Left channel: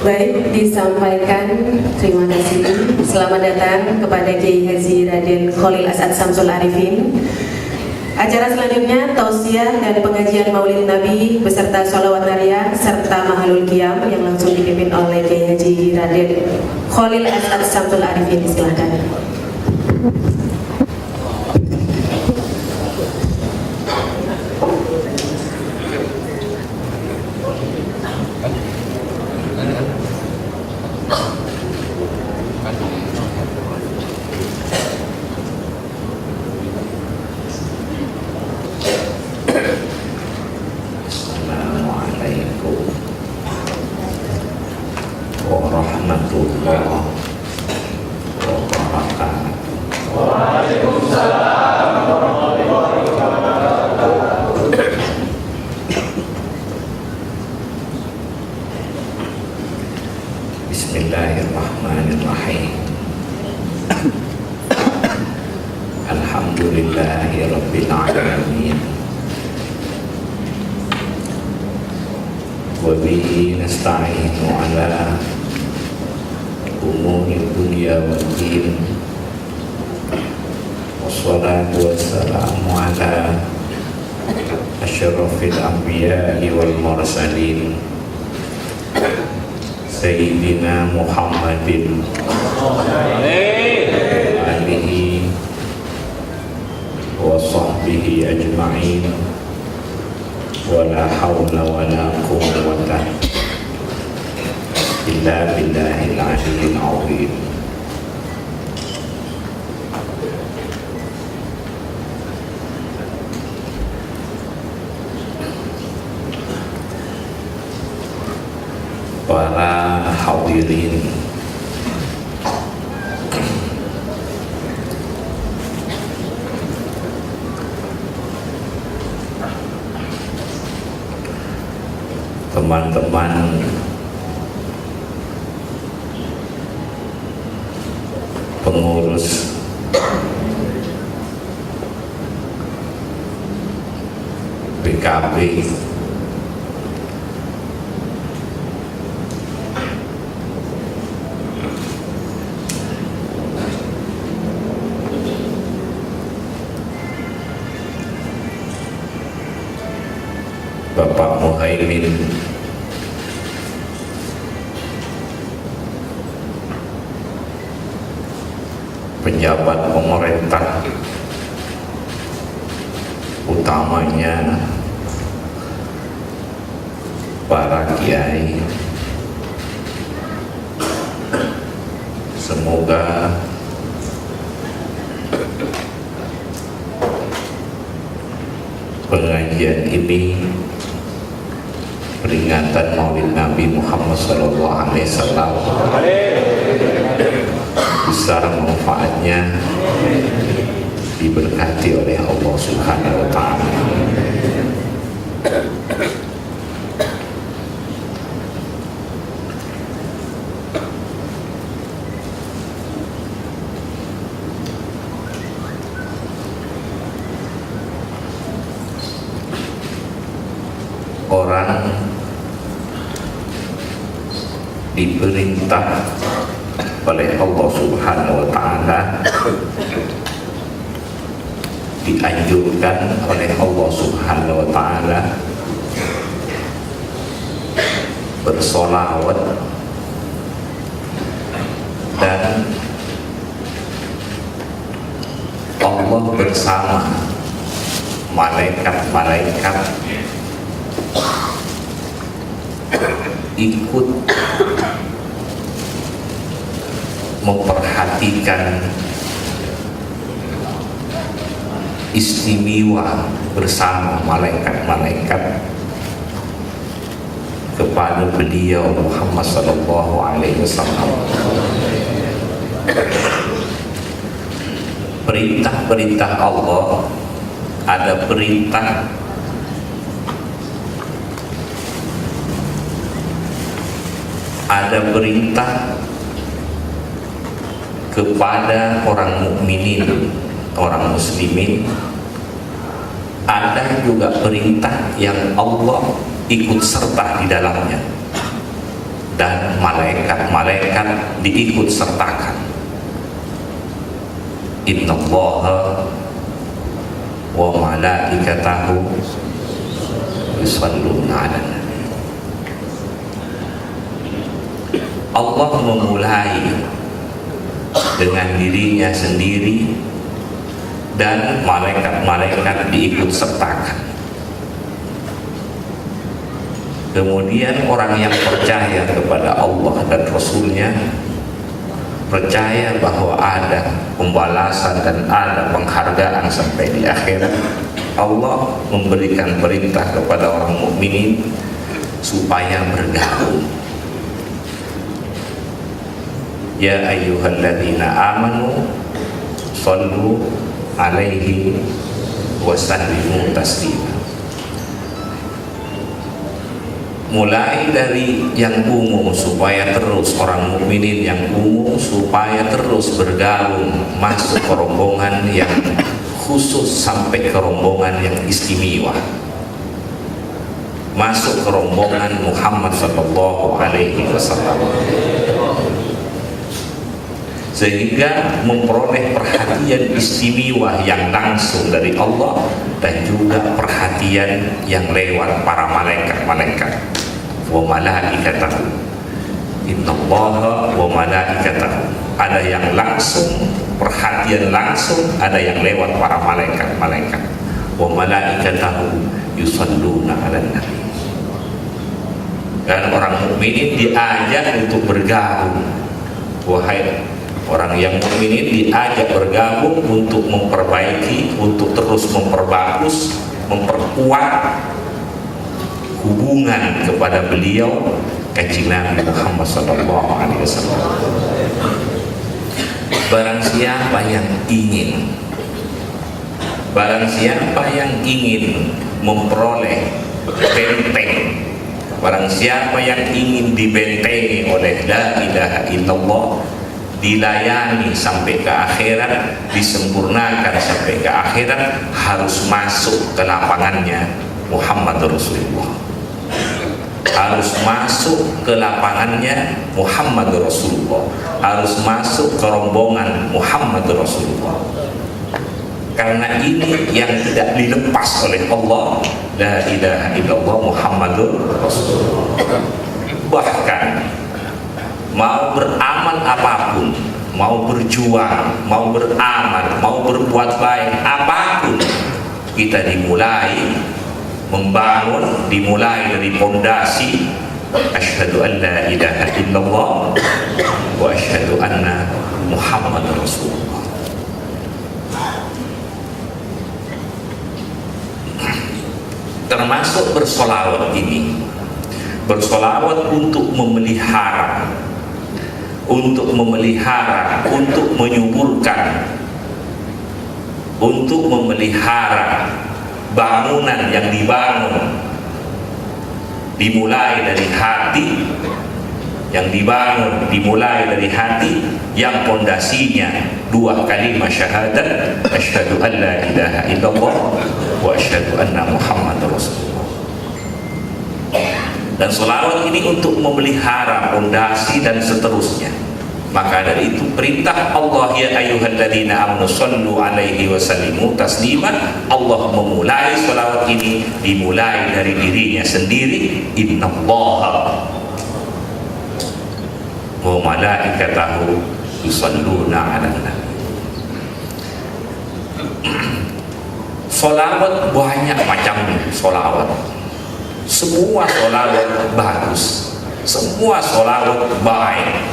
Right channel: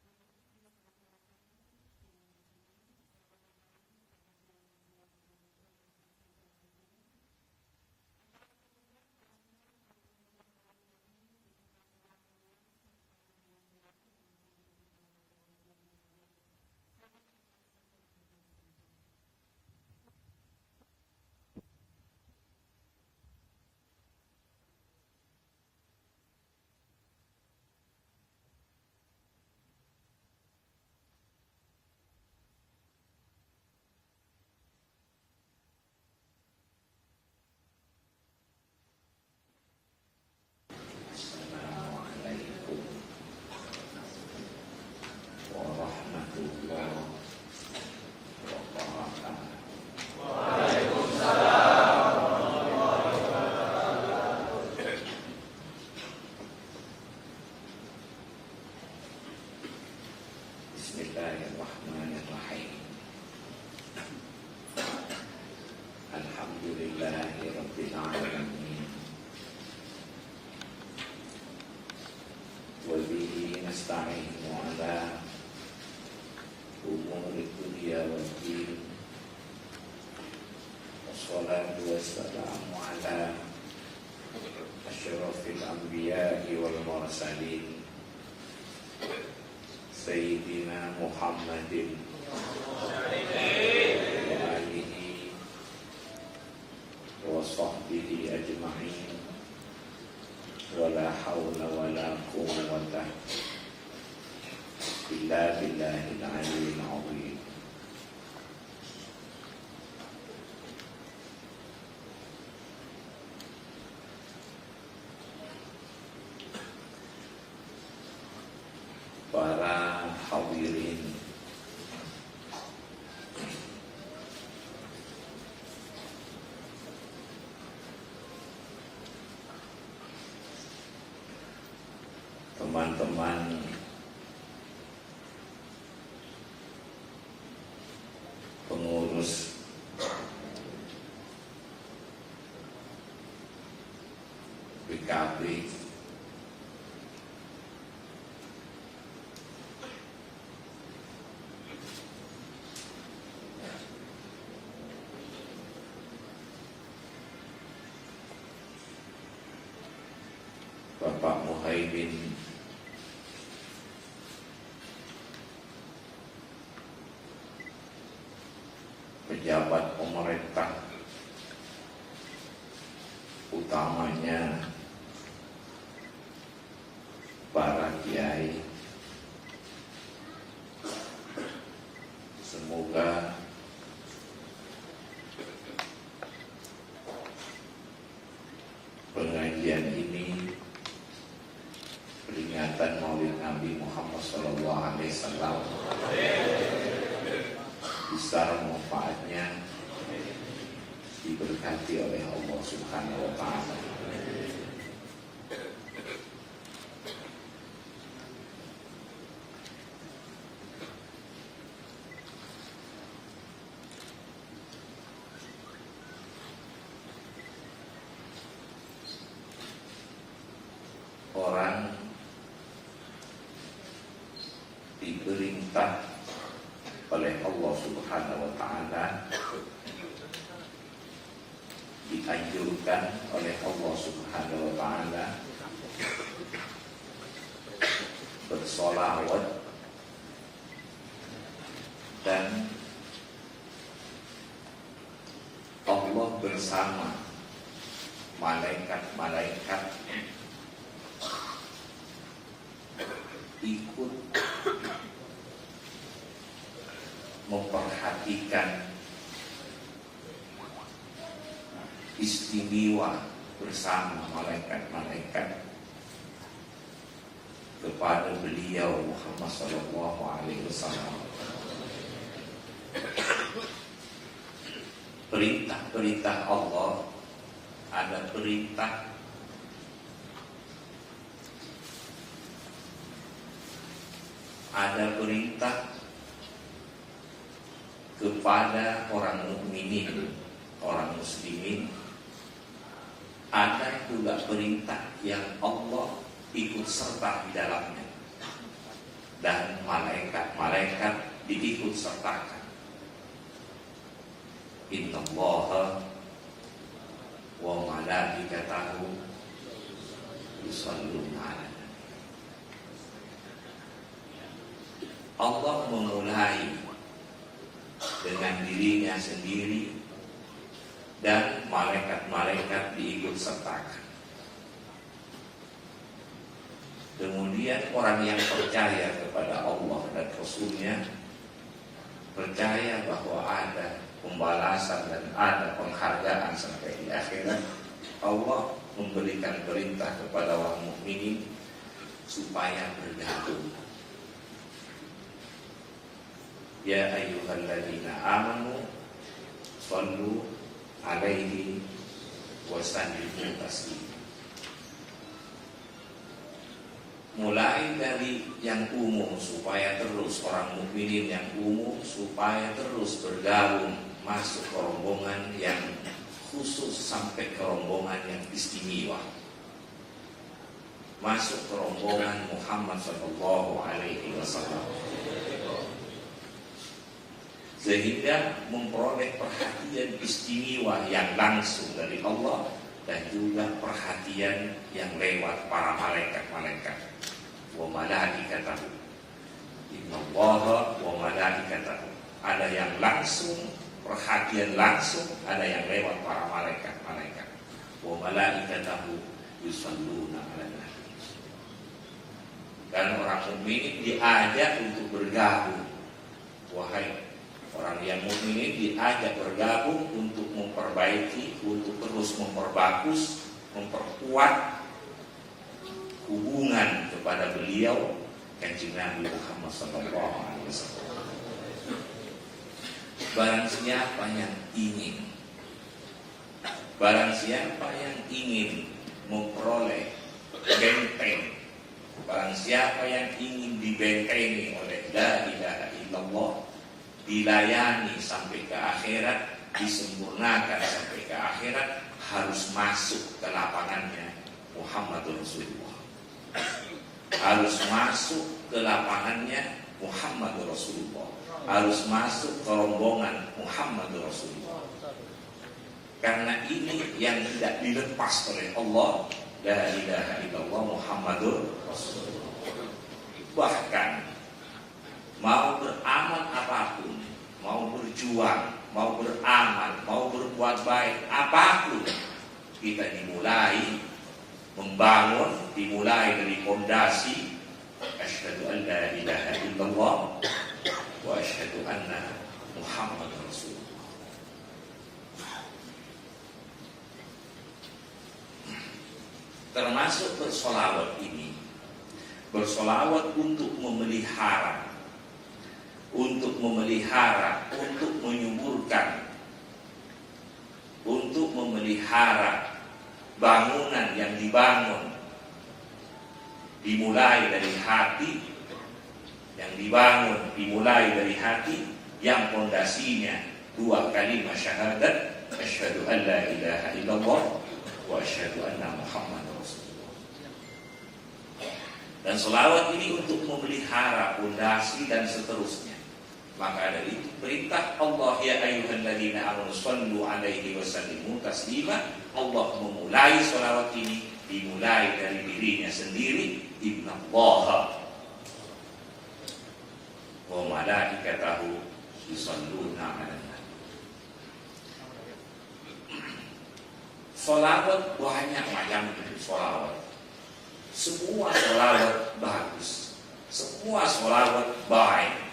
Baik, disampaikan. Terima kasih. Selamat datang kepada Kiai Haji Raden Khalil As'ad Samsul Arifin. Acara selanjutnya tausiah dan pengajian Maulid Nabi beserta sholawat nariyah serta mahalul qiyam yang langsung dipimpin oleh Kiai Haji Raden Khalil As'ad Samsul Arifin. Silakan. Bismillahirrahmanirrahim. Alhamdulillahirabbil alamin. Wa bihi nasta'inu ala umuri dunya wad din. Wassalatu wassalamu ala asyrafil anbiya'i wal mursalin Sayyidina Muhammadin alihi wa sahbihi ajma'in wa la hawla wa la quwwata illa billahil aliyyil azim. Para hadirin teman-teman pengurus PKB Bapak Muhaimin, pejabat pemerintah, utamanya para kiai, semoga pengajian ini, peringatan Maulid Nabi Muhammad SAW, besar manfaatnya, diberkati oleh Allah Subhanahu wa Ta'ala. Orang diperintah oleh Allah Subhanahu wa Ta'ala, dianjurkan oleh Allah Subhanahu wa Ta'ala bersolawat dan Allah bersama malaikat-malaikat ikut memperhatikan istimewa bersama malaikat-malaikat kepada beliau Muhammad sallallahu alaihi wasallam. Perintah-perintah Allah, ada perintah kepada orang mukminin, orang muslimin. Ada juga perintah yang Allah ikut serta di dalamnya dan malaikat-malaikat diikut sertakan. Innallaha wa malaikatahu yusholluna 'alan nabi. Allah memulai dengan dirinya sendiri dan malaikat-malaikat diikut sertakan. Kemudian orang yang percaya kepada Allah dan Rasulnya, percaya bahwa ada pembalasan dan ada penghargaan sampai di akhirat, Allah memberikan perintah kepada orang mukminin supaya bergabung. Ya ayyuhalladzina amanu shallu alaihi wa sallimu taslima. Mulai dari yang umum supaya terus orang mukminin yang umum supaya terus bergabung masuk ke rombongan yang khusus sampai ke rombongan yang istimewa, masuk ke rombongan Muhammad sallallahu alaihi wasallam, sehingga memperoleh perhatian istimewa yang langsung dari Allah dan juga perhatian yang lewat para malaikat-malaikat. Wa malaikatahu, innallaha wa malaikatahu. Ada yang langsung, perhatian langsung, ada yang lewat para malaikat-malaikat. Wa malaikatahu yusholluna 'alan nabi. Dan orang mukminin diajak untuk bergabung. Wahai orang yang mukminin diajak bergabung untuk memperbaiki, untuk terus memperbagus, memperkuat hubungan kepada beliau Kanjeng Nabi Muhammad sallallahu alaihi wasallam. Barang siapa yang ingin memperoleh benteng, barang siapa yang ingin dibentengi oleh la ilaha illallah, dilayani sampai ke akhirat, disempurnakan sampai ke akhirat, harus masuk ke lapangannya Muhammad Rasulullah. Harus masuk ke lapangannya Muhammad Rasulullah, harus masuk ke rombongan Muhammad Rasulullah. Karena ini yang tidak dilepas oleh Allah, la ilaha illallah Muhammadur Rasulullah. Bahkan mau beramal apapun, mau berjuang, mau beramal, mau berbuat baik apapun, kita dimulai membangun, dimulai dari pondasi asyhadu an la ilaha illallah wa asyhadu anna Muhammad Rasulullah. Termasuk bersolawat ini, bersolawat untuk memelihara, untuk menyuburkan, untuk memelihara bangunan yang dibangun, dimulai dari hati, yang dibangun dimulai dari hati yang pondasinya dua kalimat syahadat, asyhadu an la ilaha illallah wa asyhadu anna Muhammadar Rasulullah. Dan selawat ini untuk memelihara pondasi dan seterusnya. Maka dari itu perintah Allah, ya ayyuhalladzina amanu shallu alaihi wa sallimu taslima. Allah memulai selawat ini dimulai dari dirinya sendiri. Innallaha wa malaikatahu yusholluna 'alan nabi. Selawat banyak macamnya. Selawat, semua selawat bagus, semua selawat baik.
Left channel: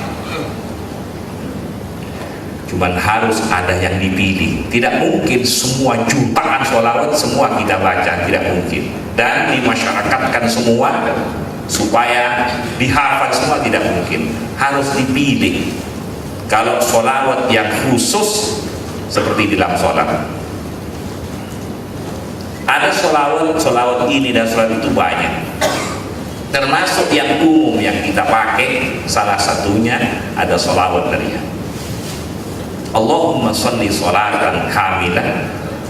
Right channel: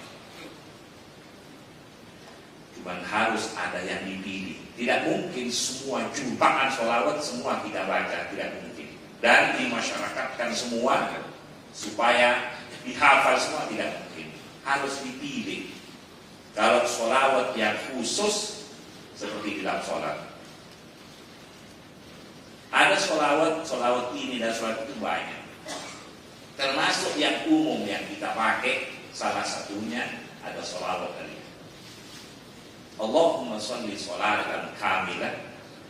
Cuman harus ada yang dipilih. Tidak mungkin semua jutaan sholawat semua kita baca, tidak mungkin. Dan dimasyarakatkan semua supaya dihafal semua, tidak mungkin. Harus dipilih. Kalau sholawat yang khusus seperti dalam sholat, ada sholawat ini dan sholawat itu banyak. Termasuk yang umum yang kita pakai, salah satunya ada sholawat dari Allahumma sholli sholatan kamilah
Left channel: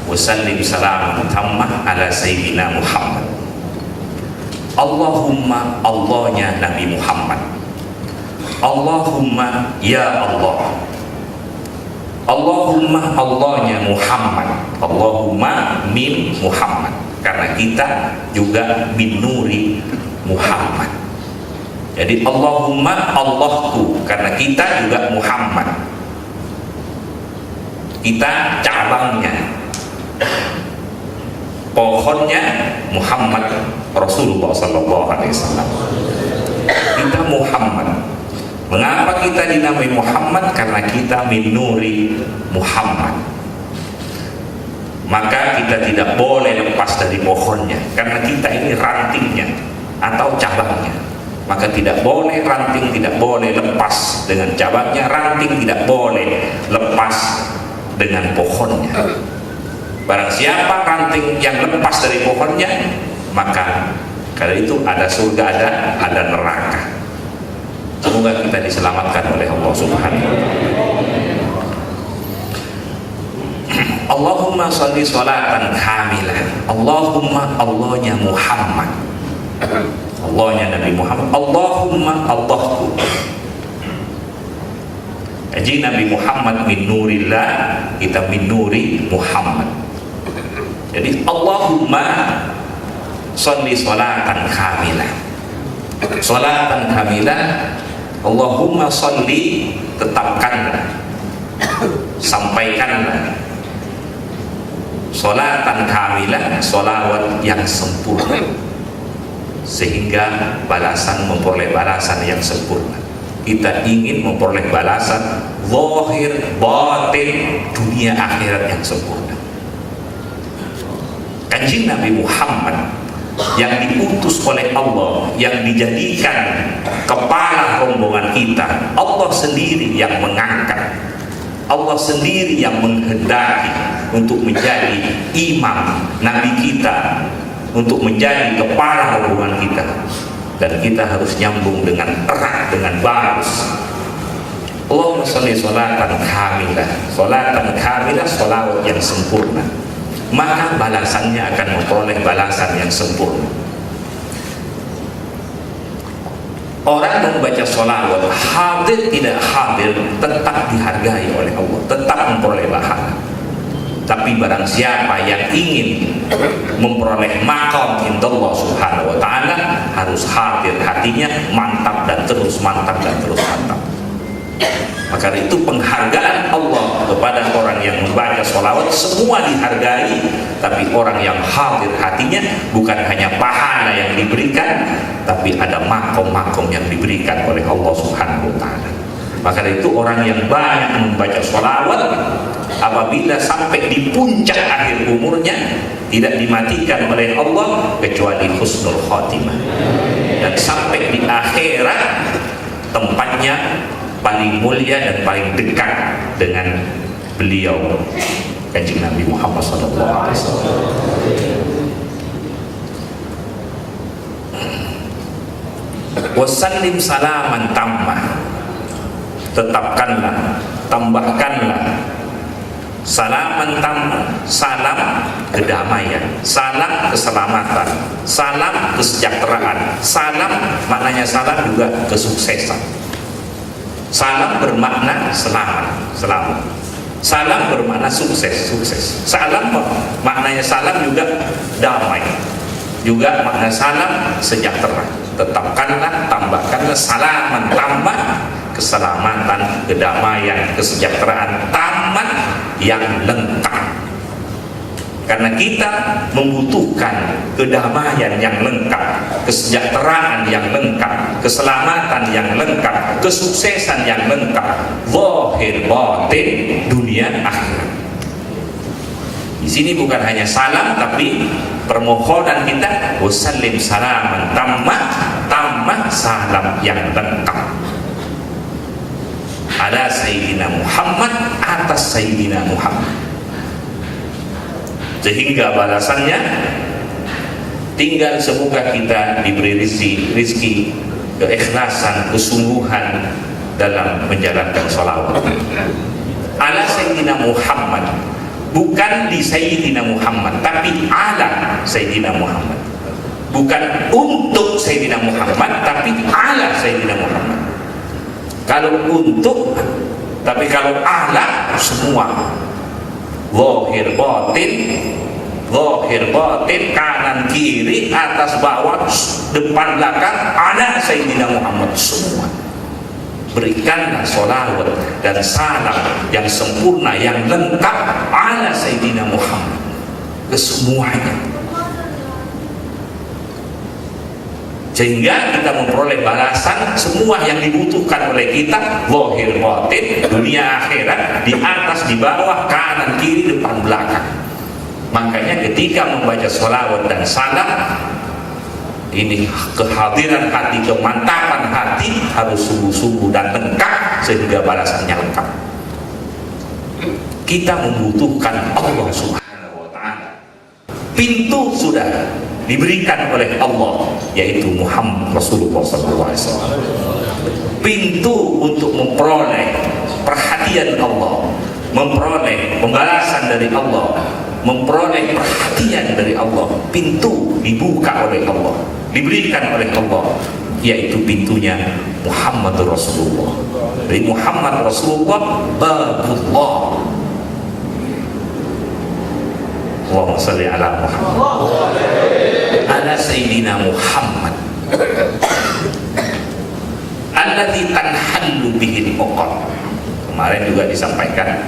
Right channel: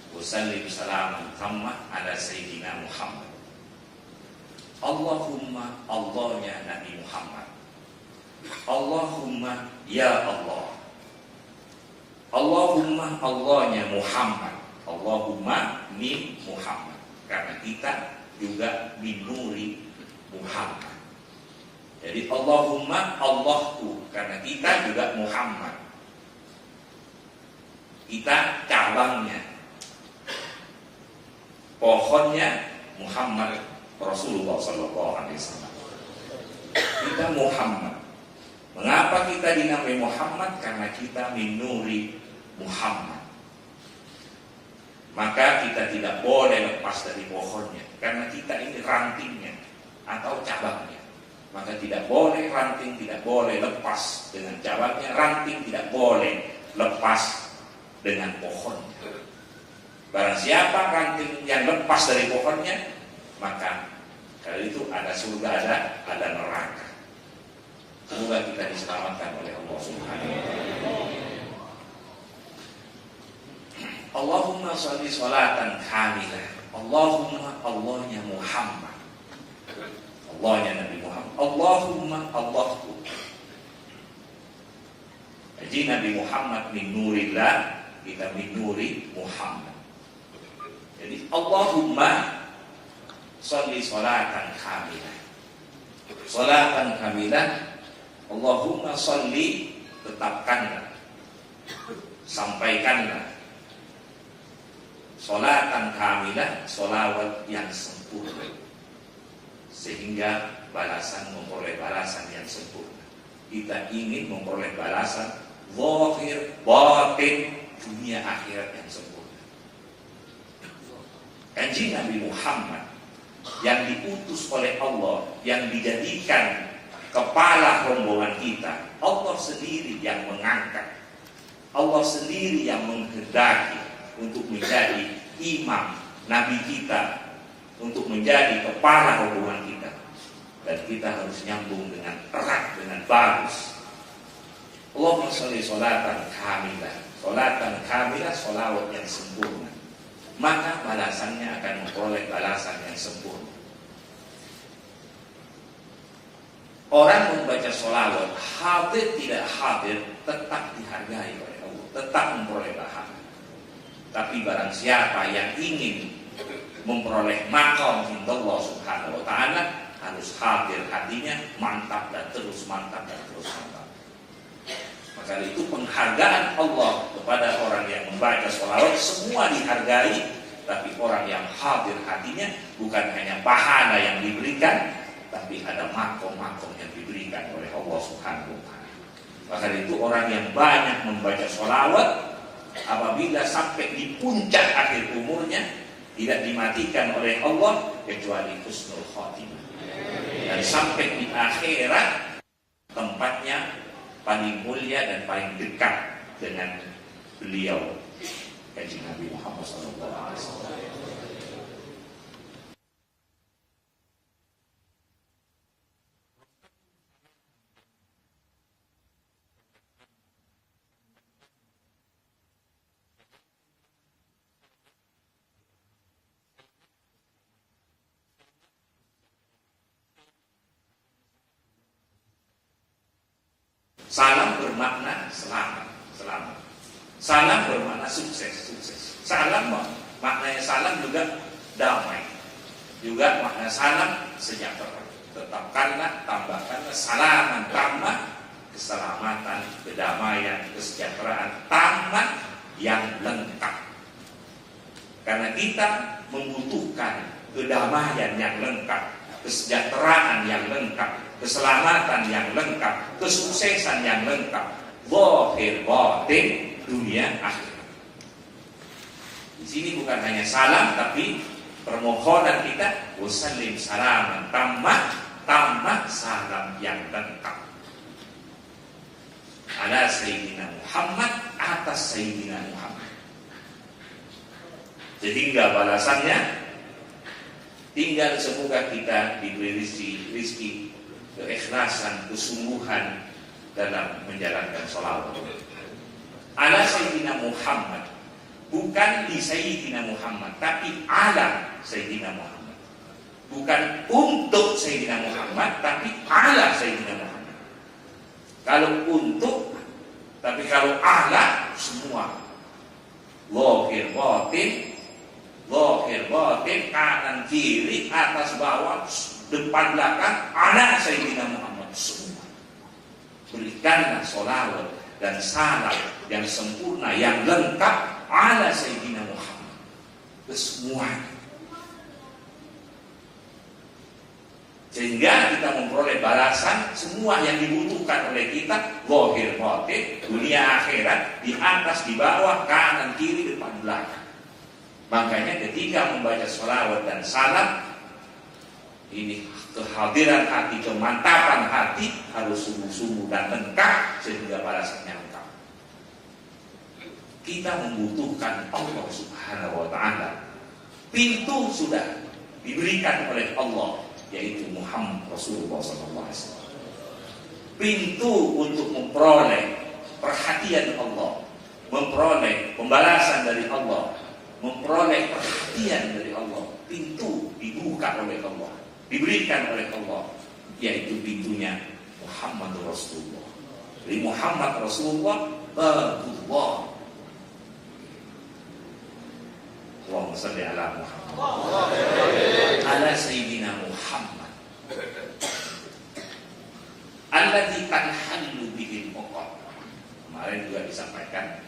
wa sallim salaman tammah ala sayyidina Muhammad. Allahumma, Allahnya Nabi Muhammad, Allahumma ya Allah. Allahumma, Allahnya Muhammad. Allahumma min Muhammad, karena kita juga min nuri Muhammad. Jadi Allahumma, Allahku, karena kita juga Muhammad. Kita cabangnya, pohonnya Muhammad Rasulullah Sallallahu Alaihi Wasallam. Kita Muhammad. Mengapa kita dinamai Muhammad? Karena kita min nuri Muhammad. Maka kita tidak boleh lepas dari pohonnya, karena kita ini rantingnya atau cabangnya. Maka tidak boleh ranting, tidak boleh lepas dengan cabangnya. Ranting tidak boleh lepas dengan pohonnya. Barang siapa ranting yang lepas dari pohonnya, maka karena itu ada surga, ada neraka. Semoga kita diselamatkan oleh Allah Subhanahu wa Ta'ala. Allahumma sholli sholatan kamilah. Allahumma, Allahnya Muhammad, Allahnya Nabi Muhammad. Allahumma, Allahku. Jadi Nabi Muhammad min nurillah, kita min nuri Muhammad. Jadi Allahumma sholli sholatan kamilah. Sholatan kamilah. Allahumma sholli, tetapkanlah, sampaikanlah, sholatan kamilah, sholawat yang sempurna, sehingga balasan memperoleh balasan yang sempurna. Kita ingin memperoleh balasan zahir, batin, dunia akhirat yang sempurna. Kanjeng Nabi Muhammad yang diutus oleh Allah, yang dijadikan kepala rombongan kita, Allah sendiri yang mengangkat, Allah sendiri yang menghendaki untuk menjadi imam Nabi kita, untuk menjadi kepala rombongan kita. Dan kita harus nyambung dengan erat, dengan bagus. Allahumma sholli sholatan kamilah. Sholatan kamilah, sholawat yang sempurna. Maka balasannya akan memperoleh balasan yang sempurna. Orang membaca sholawat, hadir tidak hadir, tetap dihargai oleh Allah, tetap memperoleh pahala. Tapi barang siapa yang ingin memperoleh maqam indallah Subhanahu wa Ta'ala, harus hadir hatinya, mantap dan terus mantap dan terus mantap. Maka itu penghargaan Allah kepada orang yang membaca sholawat, semua dihargai. Tapi orang yang hadir hatinya, bukan hanya pahala yang diberikan, tapi ada makom-makom yang diberikan oleh Allah Subhanahu wa Ta'ala. Maka itu orang yang banyak membaca sholawat, apabila sampai di puncak akhir umurnya, tidak dimatikan oleh Allah kecuali husnul khotimah. Dan sampai di akhirat, tempatnya paling mulia dan paling dekat dengan beliau, Kanjeng Nabi Muhammad SAW. Wasallim salaman tammah, tetapkanlah, tambahkanlah salaman tammah, salam kedamaian, salam keselamatan, salam kesejahteraan. Salam maknanya salam juga kesuksesan. Salam bermakna selamat, selamat. Salam bermakna sukses, sukses. Salam maknanya salam juga damai, juga makna salam sejahtera. Tetapkanlah, tambahkanlah salaman tambah, keselamatan, kedamaian, kesejahteraan tamat yang lengkap. Karena kita membutuhkan kedamaian yang lengkap, kesejahteraan yang lengkap, keselamatan yang lengkap, kesuksesan yang lengkap, zahir batin, dunia akhirat. Di sini bukan hanya salam, tapi permohonan kita wasallim salaman tammah salam yang lengkap ala Sayyidina Muhammad, atas Sayyidina Muhammad. Sehingga balasannya tinggal semoga kita diberi rizki, keikhlasan, kesungguhan dalam menjalankan sholawat. Ala Sayyidina Muhammad, bukan di Sayyidina Muhammad, tapi ala Sayyidina Muhammad. Bukan untuk Sayyidina Muhammad, tapi ala Sayyidina Muhammad. Kalau untuk, tapi kalau ala semua. Zahir batin, kanan kiri, atas bawah, depan belakang, anak Sayyidina Muhammad semua. Berikanlah sholawat dan salam yang sempurna, yang lengkap ala Sayyidina Muhammad kesemuanya, sehingga kita memperoleh balasan semua yang dibutuhkan oleh kita, zahir batin, dunia akhirat, di atas, di bawah, kanan kiri, depan belakang. Makanya ketika membaca sholawat dan salam ini, kehadiran hati, kemantapan hati harus sungguh-sungguh dan lengkap sehingga balasannya lengkap. Kita membutuhkan Allah Subhanahu wa Ta'ala. Pintu sudah diberikan oleh Allah, yaitu Muhammad Rasulullah SAW. Pintu untuk memperoleh perhatian Allah, memperoleh pembalasan dari Allah, memperoleh perhatian dari Allah, pintu dibuka oleh Allah, diberikan oleh Allah, yaitu pintunya Muhammad Rasulullah. Dari Muhammad Rasulullah, babullah. Allahumma salli ala Muhammad ala Sayyidina Muhammad alladzi tanhallu bihil uqad. Kemarin juga disampaikan,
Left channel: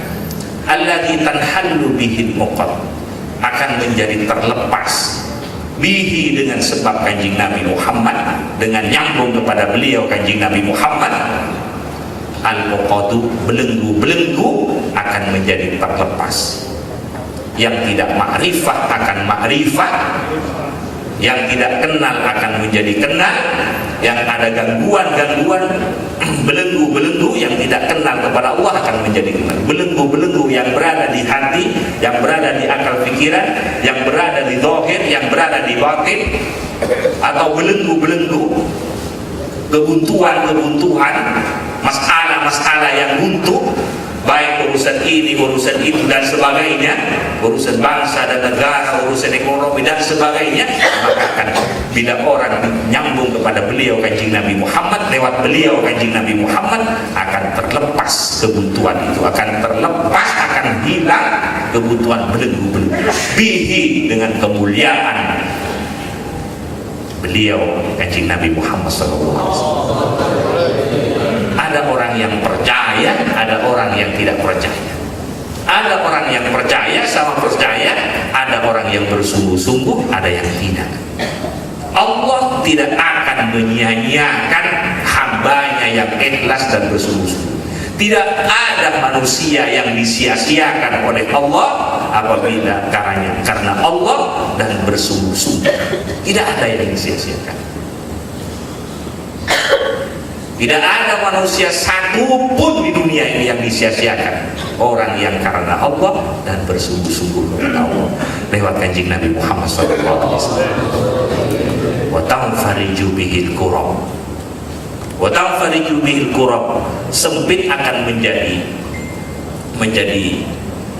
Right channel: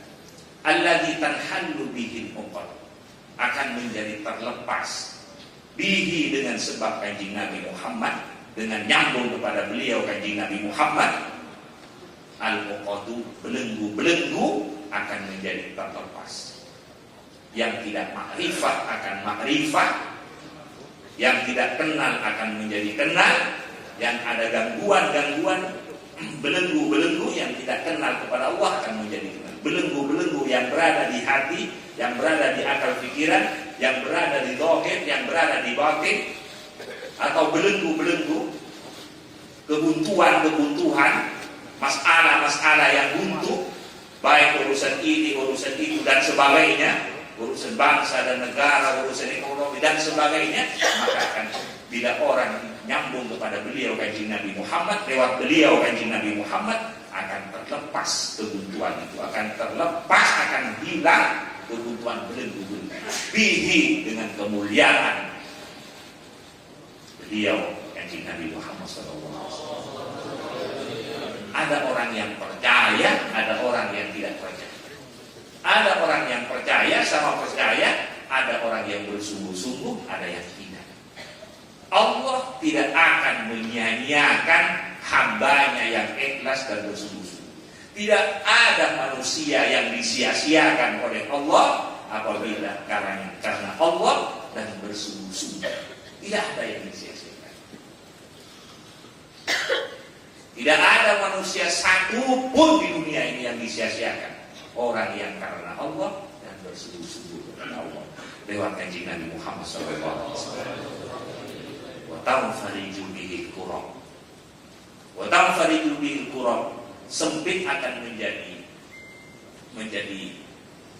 alladzi tanhallu bihil uqad, akan menjadi terlepas bihi, dengan sebab kanjeng Nabi Muhammad, dengan nyambung kepada beliau kanjeng Nabi Muhammad. Al-uqadu, belenggu-belenggu akan menjadi terlepas. Yang tidak makrifat akan makrifat, yang tidak kenal akan menjadi kenal, yang ada gangguan-gangguan, belenggu-belenggu yang tidak kenal kepada Allah akan menjadi kenal. Belenggu-belenggu yang berada di hati, yang berada di akal pikiran, yang berada di zahir, yang berada di batin, atau belenggu-belenggu kebuntuan-kebuntuhan, masalah-masalah yang buntu, baik urusan ini, urusan itu dan sebagainya, urusan bangsa dan negara, urusan ekonomi dan sebagainya, maka akan bila orang nyambung kepada beliau kanjeng Nabi Muhammad, lewat beliau kanjeng Nabi Muhammad, akan terlepas kebuntuan itu, akan terlepas, akan hilang kebutuhan belenggu-belenggu bihi, dengan kemuliaan beliau kanjeng Nabi Muhammad SAW. Ada orang yang percaya, ada orang yang tidak percaya. Ada orang yang percaya sama percaya, ada orang yang bersungguh-sungguh, ada yang tidak. Allah tidak akan menyia-nyiakan hambanya yang ikhlas dan bersungguh-sungguh. Tidak ada manusia yang disia-siakan oleh Allah apabila karena Allah dan bersungguh-sungguh. Tidak ada yang disia-siakan. Tidak ada manusia satu pun di dunia ini yang disia-siakan. Orang yang karena Allah dan bersungguh-sungguh kepada Allah lewat kanjeng Nabi Muhammad SAW. Wa tanfariju bihil kurab, wa tanfariju bihil kurab, sempit akan menjadi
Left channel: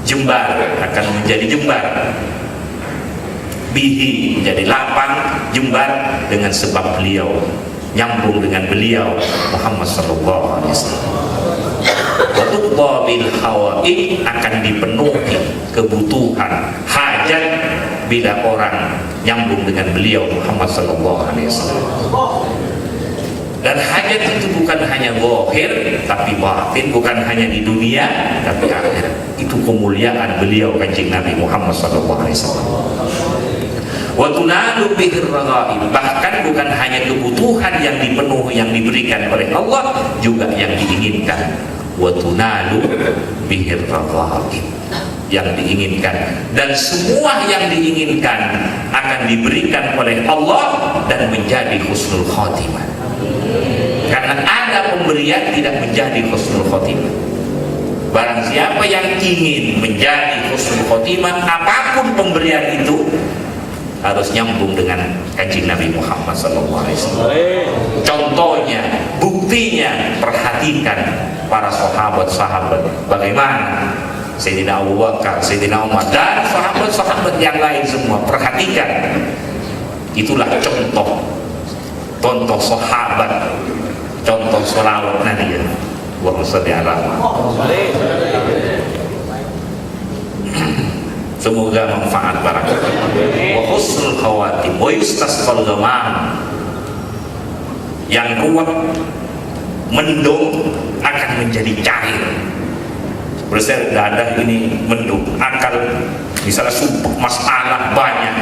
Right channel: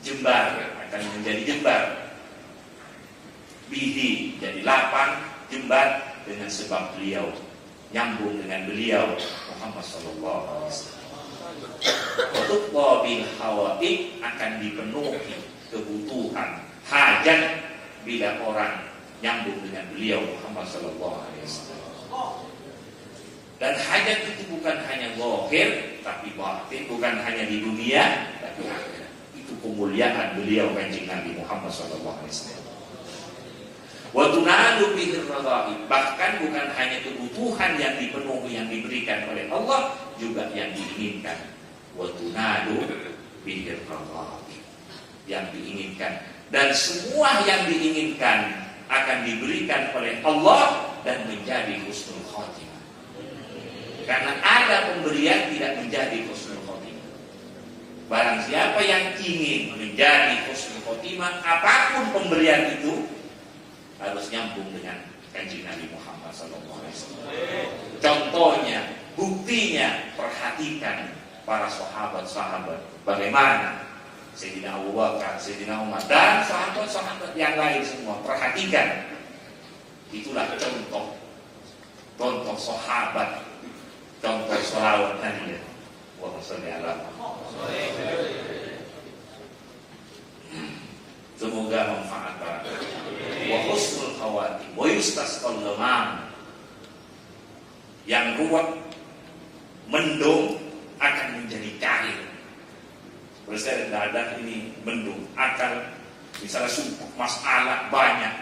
jembar, akan menjadi jembar. Bihi, menjadi lapang, jembar, dengan sebab beliau, nyambung dengan beliau Muhammad sallallahu alaihi wasallam. Wa bil hawa'i, akan dipenuhi kebutuhan hajat bila orang nyambung dengan beliau Muhammad sallallahu alaihi wasallam. Dan hajat itu bukan hanya zahir tapi batin, bukan hanya di dunia tapi akhirat. Itu kemuliaan beliau kanjeng Nabi Muhammad sallallahu alaihi wasallam. Wa tunalu bihir raghaib, bahkan bukan hanya kebutuhan yang dipenuhi, yang diberikan oleh Allah, juga yang diinginkan. Wa tunalu bihir raghaib, yang diinginkan, dan semua yang diinginkan akan diberikan oleh Allah dan menjadi husnul khotimah. Karena ada pemberian tidak menjadi husnul khotimah. Barang siapa yang ingin menjadi husnul khotimah, apapun pemberian itu harus nyambung dengan kanjeng Nabi Muhammad SAW. Contohnya, buktinya, perhatikan para sahabat-sahabat bagaimana Sayyidina Abu Bakar, Sayyidina Umar dan sahabat-sahabat yang lain semua. Perhatikan, itulah contoh sahabat, contoh sholawat Nabi. Allahumma shalli ala Muhammad. Semoga manfaat barangkali. Wa husnul khawatim wa yustasqal ghamam. Yang ruwet, mendung akan menjadi cair. Berarti dadah ini mendung, akal misalnya sumpah masalah banyak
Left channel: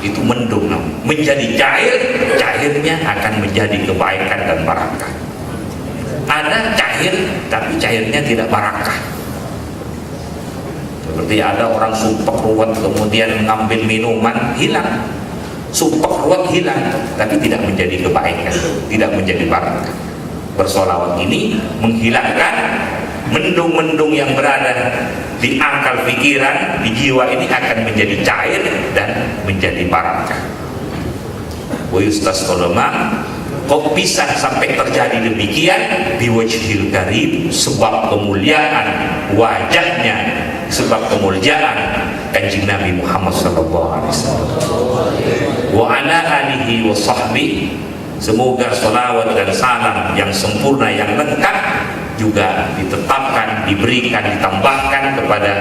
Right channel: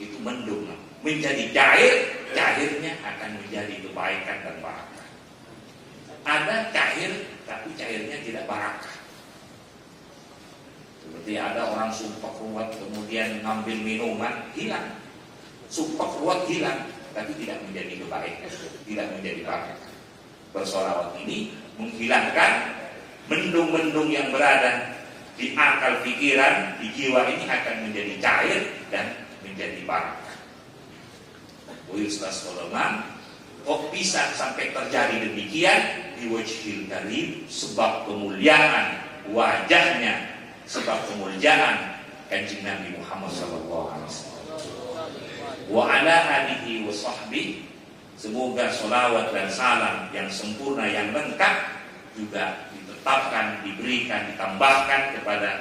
itu mendung menjadi cair, cairnya akan menjadi kebaikan dan barakah. Ada cair tapi cairnya tidak barakah. Seperti ada orang sumpah ruwet kemudian mengambil minuman hilang, sumpah ruwet hilang tapi tidak menjadi kebaikan, tidak menjadi barakah. Bersolawat ini menghilangkan mendung-mendung yang berada di akal pikiran, di jiwa ini akan menjadi cair dan menjadi barakah. Wa yustasqal ghamam. Kok bisa sampai terjadi demikian? Biwajhil karim, sebab kemuliaan wajahnya, sebab kemuliaan Kanjeng Nabi Muhammad sallallahu alaihi wasallam. Wa ala alihi wa sahbihi. Semoga salawat dan salam yang sempurna, yang lengkap juga ditetapkan, diberikan, ditambahkan kepada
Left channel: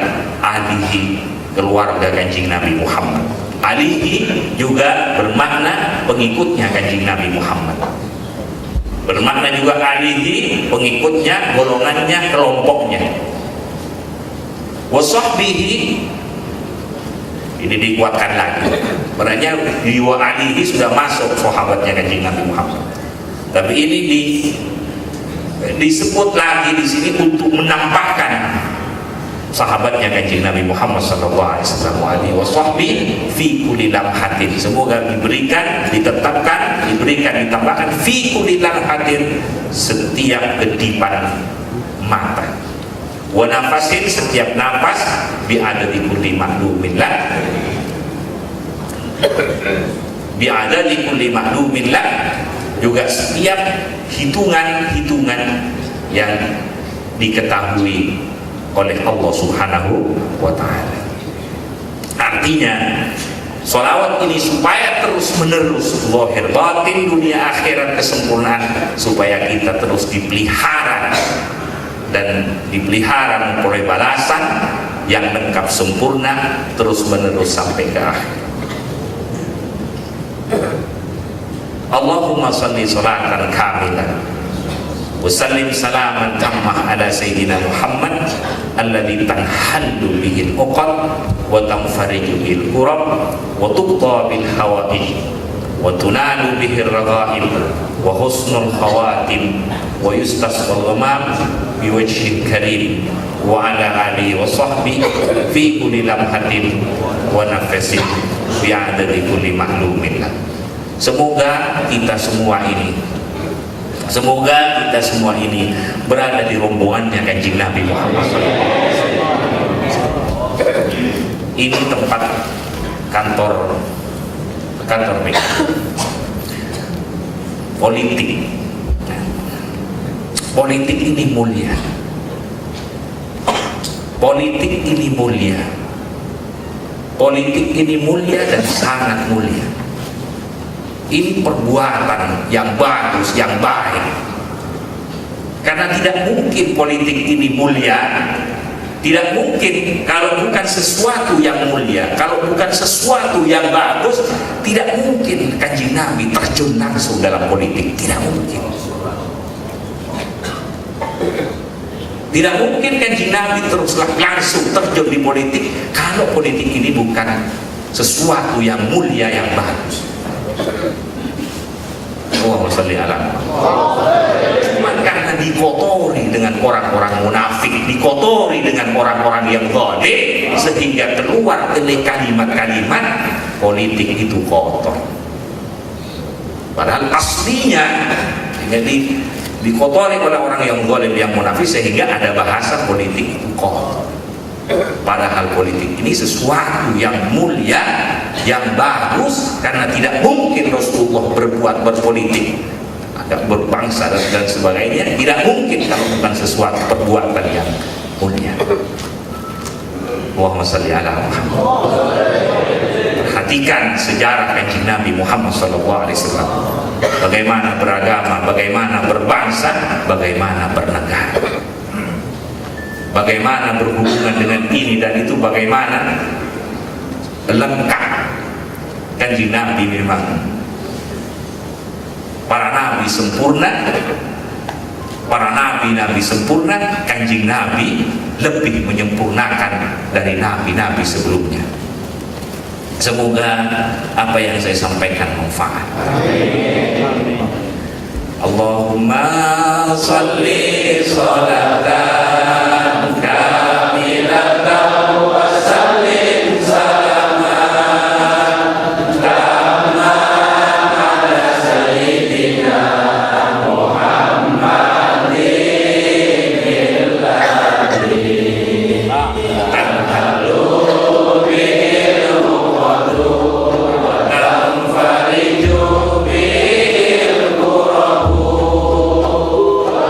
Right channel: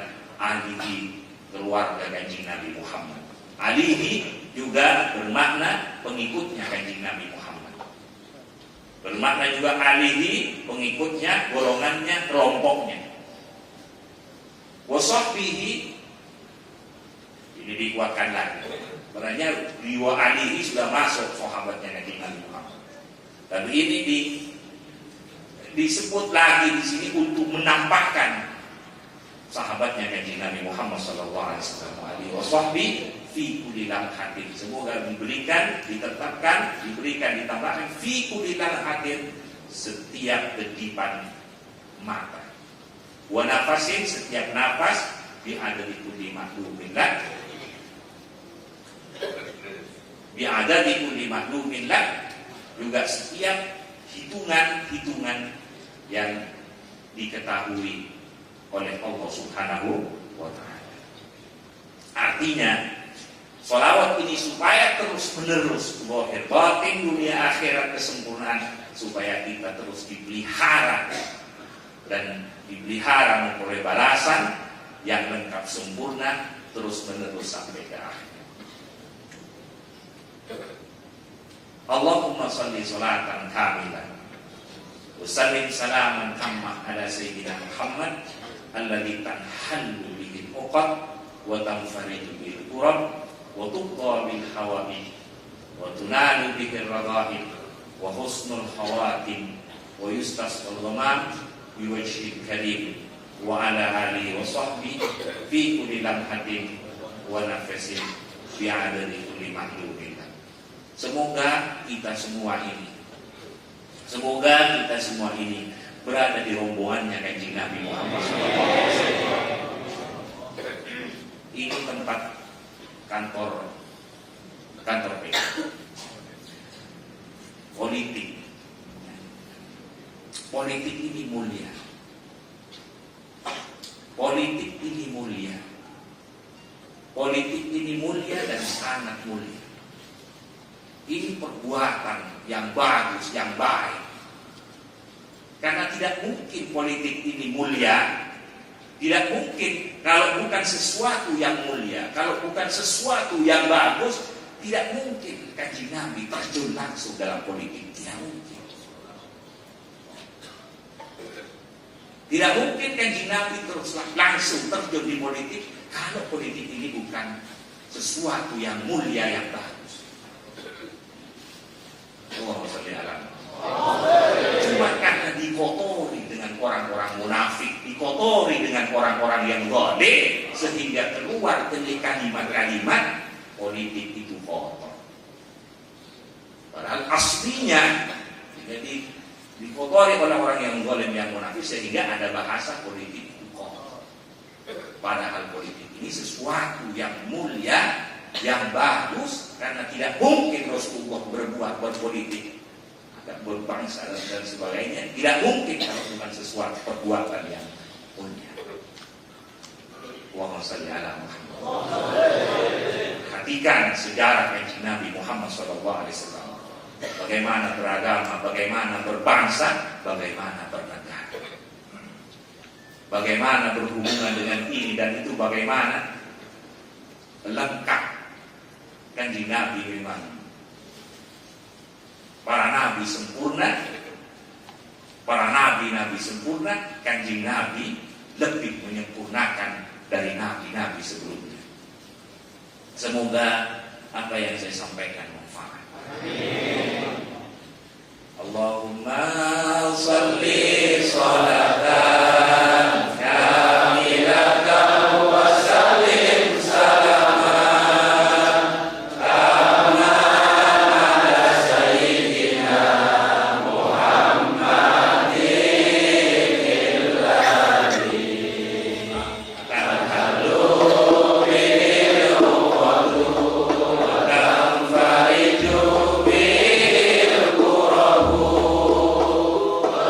alihi, keluarga Kanjeng Nabi Muhammad. Alihi juga bermakna pengikutnya Kanjeng Nabi Muhammad. Bermakna juga alihi pengikutnya, golongannya, kelompoknya. Wasahbihi ini dikuatkan lagi. Sebenarnya di wa alihi sudah masuk sahabatnya Kanjeng Nabi Muhammad. Tapi ini disebut lagi di sini untuk menambahkan sahabatnya Kanjeng Nabi Muhammad sallallahu alaihi wasallam fi kulli lamhatin. Semoga diberikan, ditetapkan, diberikan, ditambahkan fi kulli lamhatin, setiap kedipan mata. Wa nafasin, setiap nafas, bi adadi kulli ma'lumin lah. Bi adadi kulli ma'lumin lah, juga setiap hitungan-hitungan yang diketahui oleh Allah Subhanahu wa ta'ala. Artinya sholawat ini supaya terus menerus zahir batin, dunia akhirat, kesempurnaan, supaya kita terus dipelihara dan dipelihara memperoleh balasan yang lengkap sempurna terus menerus sampai ke akhir. Allahumma salli salatan kamilan wa sallim salaman tammah ala sayyidina Muhammad alladhi tanhallu bihil uqad wa tanfariju bil kurab wa tuqta bil hawaij wa tunalu bihir raghaib wa husnul khawatim wa yustasqal ghamam biwajhil karim wa ala alihi wa sahbihi fi kulli lamhatin wa nafasin bi adadi kulli ma'lumin. Semoga kita semua ini berada di rombongannya Kanjeng Nabi Muhammad SAW. Ini tempat kantor politik. Politik ini mulia. Politik ini mulia. Politik ini mulia dan sangat mulia. Ini perbuatan yang bagus, yang baik. Karena tidak mungkin politik ini mulia, tidak mungkin kalau bukan sesuatu yang mulia, kalau bukan sesuatu yang bagus, tidak mungkin Kanjeng Nabi terjun langsung dalam politik, tidak mungkin. Tidak mungkin Kanjeng Nabi teruslah langsung terjun di politik kalau politik ini bukan sesuatu yang mulia, yang bagus. Allahumma shalli ala Muhammad. Cuma karena dikotori dengan orang-orang munafik, dikotori dengan orang-orang yang zalim, sehingga keluar oleh kalimat-kalimat politik itu kotor. Padahal aslinya jadi dikotori oleh orang yang zalim, yang munafik, sehingga ada bahasa politik itu kotor. Padahal politik ini sesuatu yang mulia, yang bagus, karena tidak mungkin Rasulullah berpolitik, ada berbangsa dan sebagainya, tidak mungkin kalau bukan sesuatu perbuatan yang mulia. Allahumma shalli ala Muhammad. Perhatikan sejarah Kanjeng Nabi Muhammad SAW. bagaimana beragama, bagaimana berbangsa, bagaimana bernegara, bagaimana berhubungan dengan ini dan itu, bagaimana lengkap. Kanjeng Nabi memang para nabi sempurna, para nabi-nabi sempurna, Kanjeng Nabi lebih menyempurnakan dari nabi-nabi sebelumnya. Semoga apa yang saya sampaikan manfaat. Allahumma salli salatan kamilatan wa sallim salaman tamma ala sayyidina Muhammadin alladhi tanhalu bihil qadru wa tanfariju bihil qurabu wa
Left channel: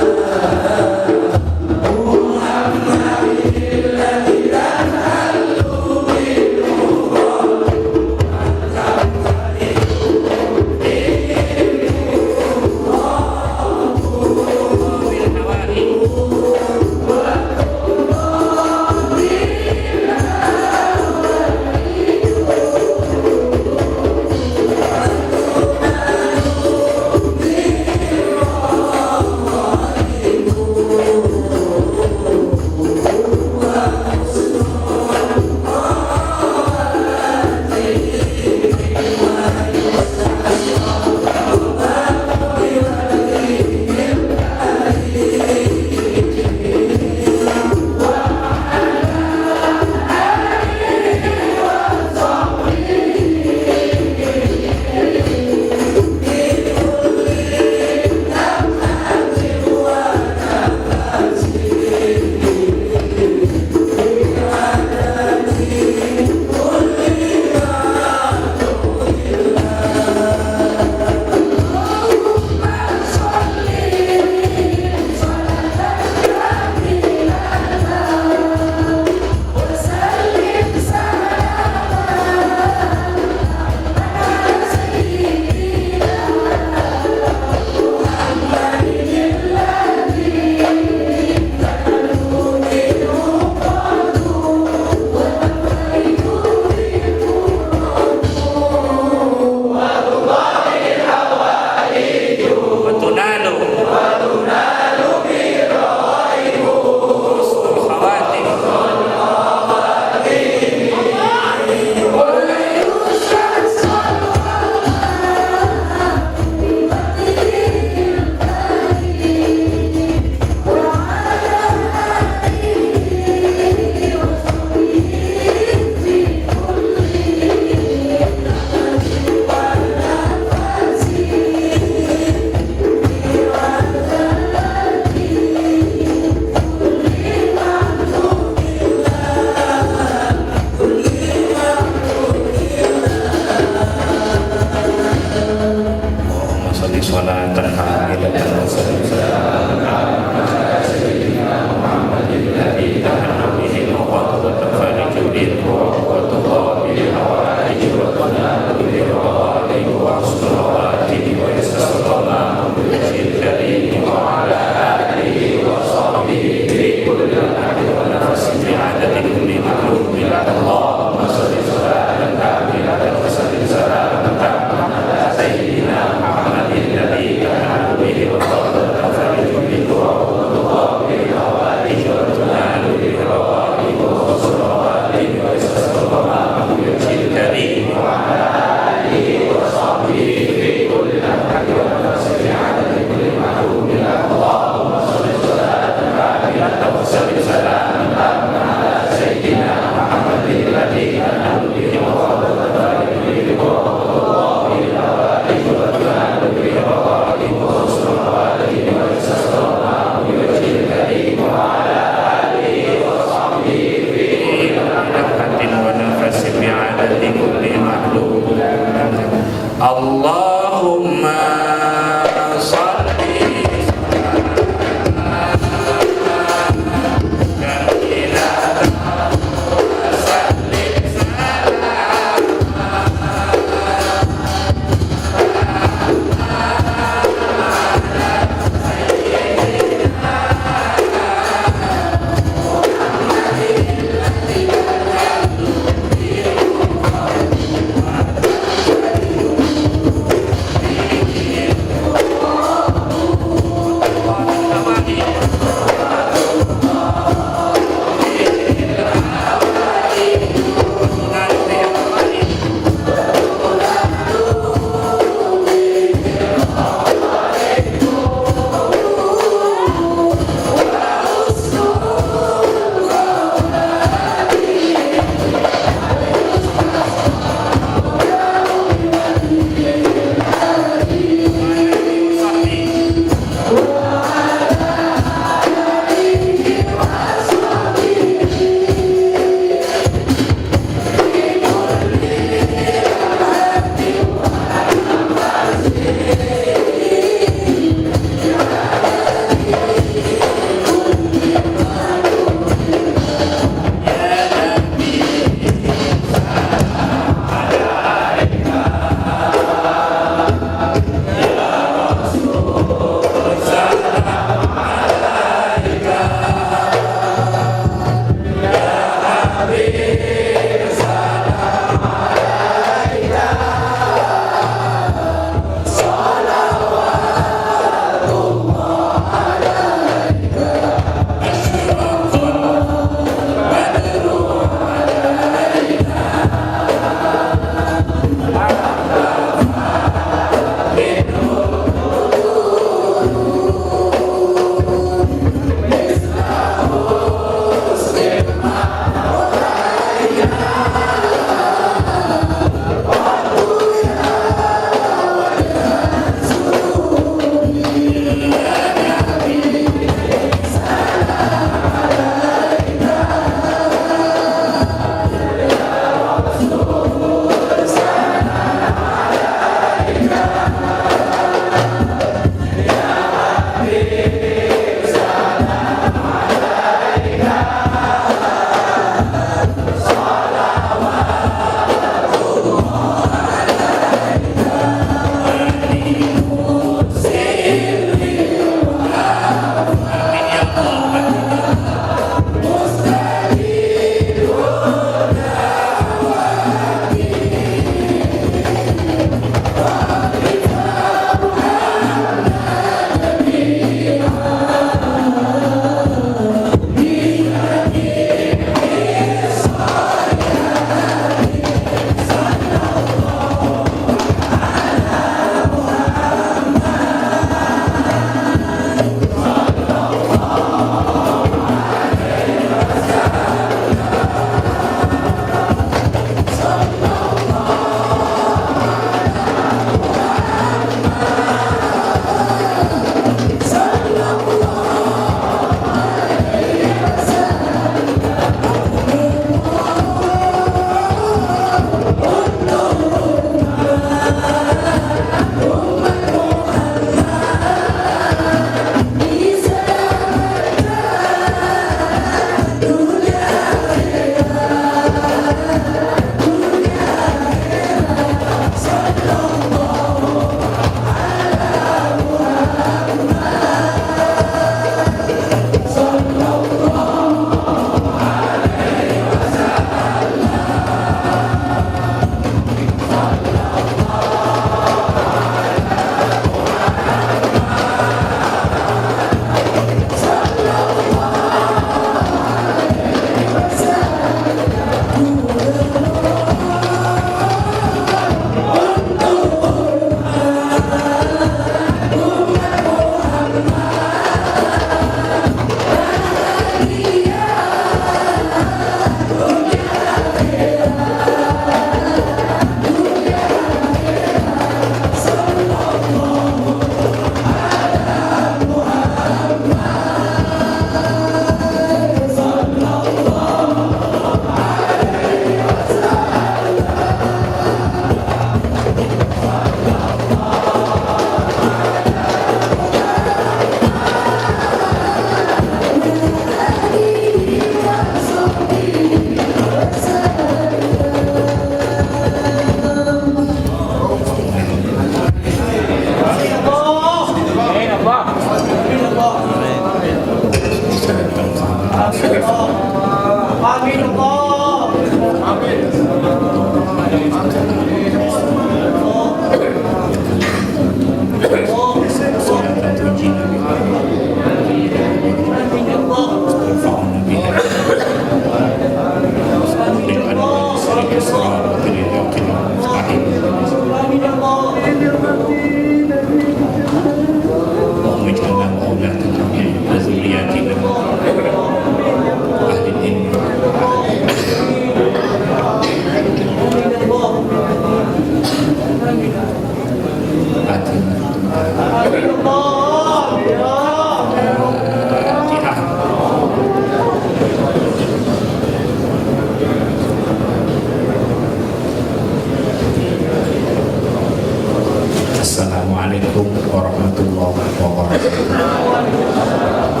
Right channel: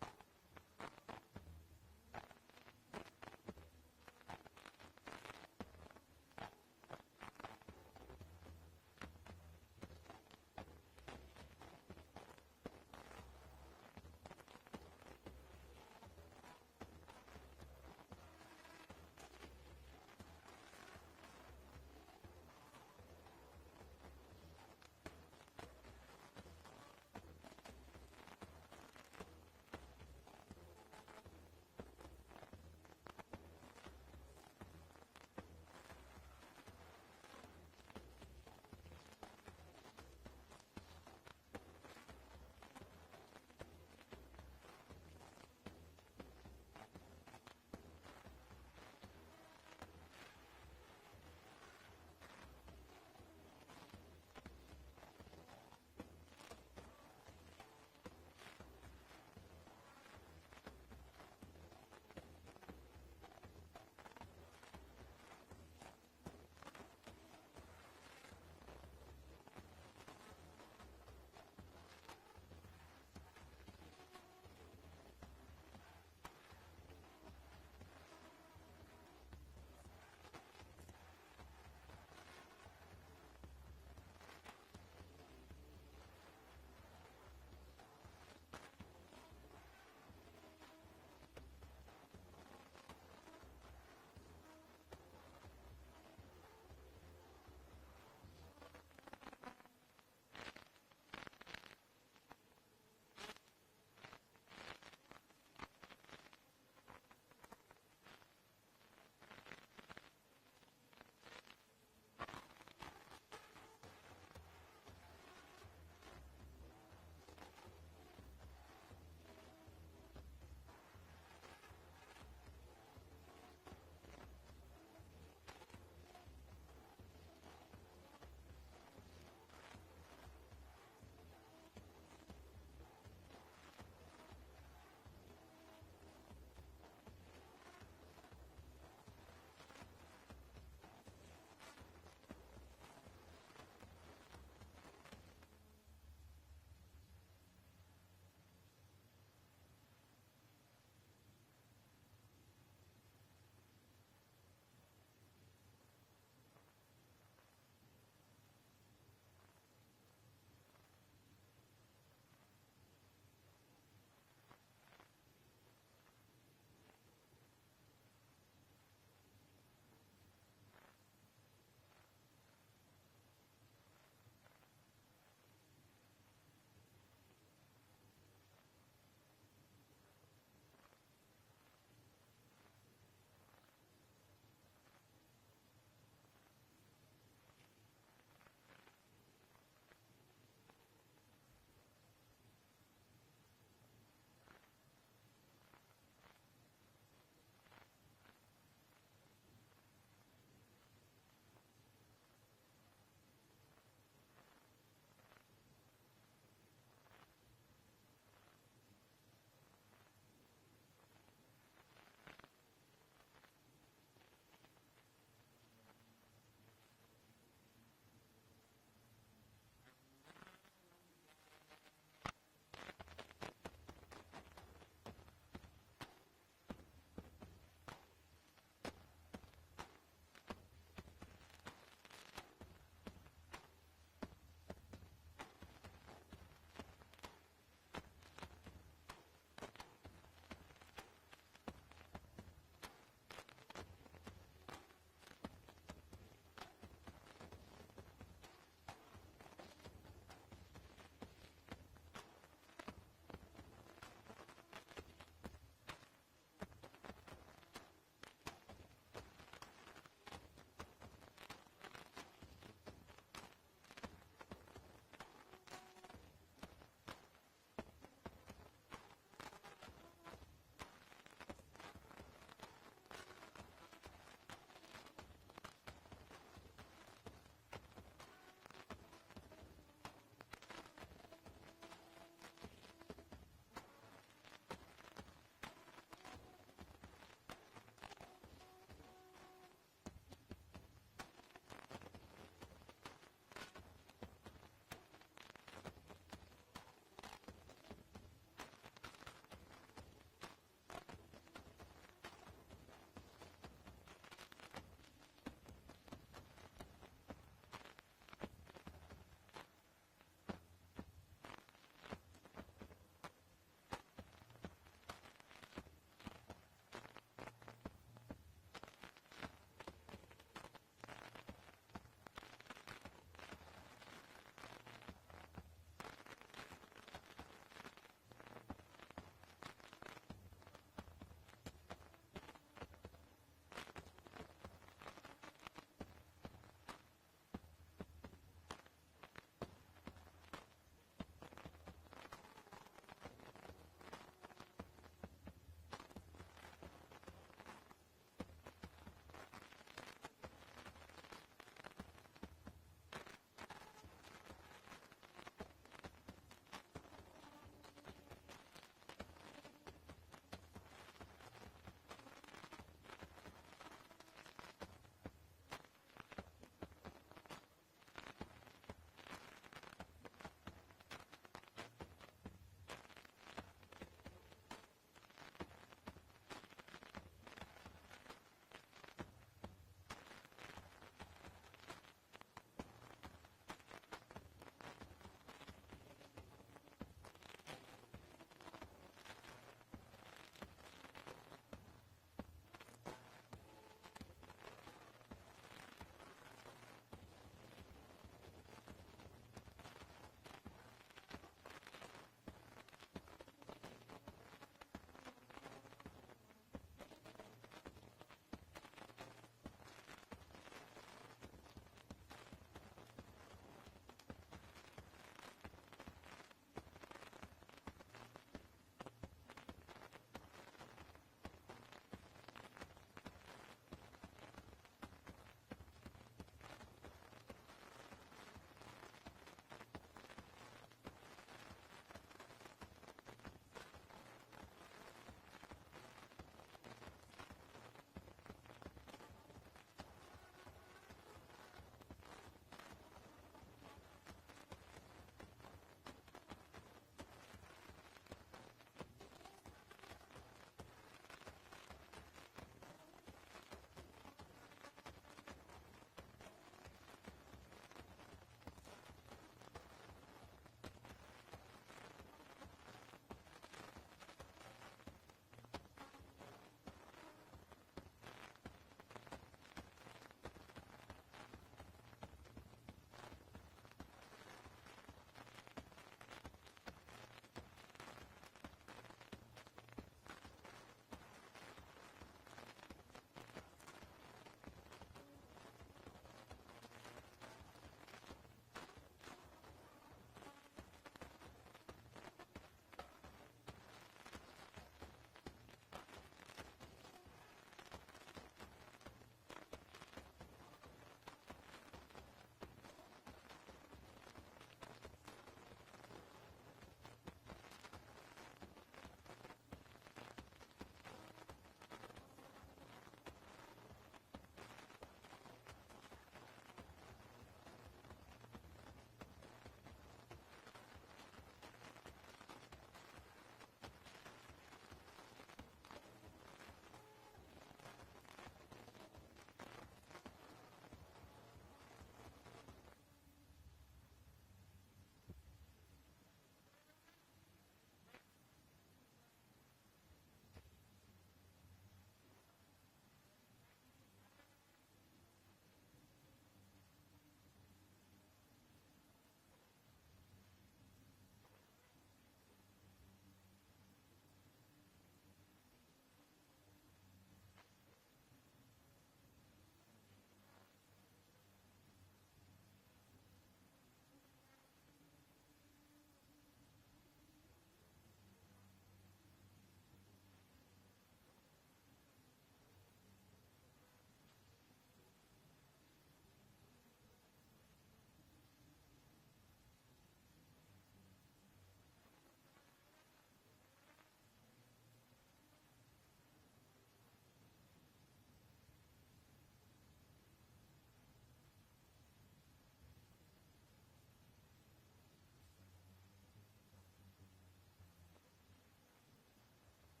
Assalamualaikum warahmatullahi wabarakatuh.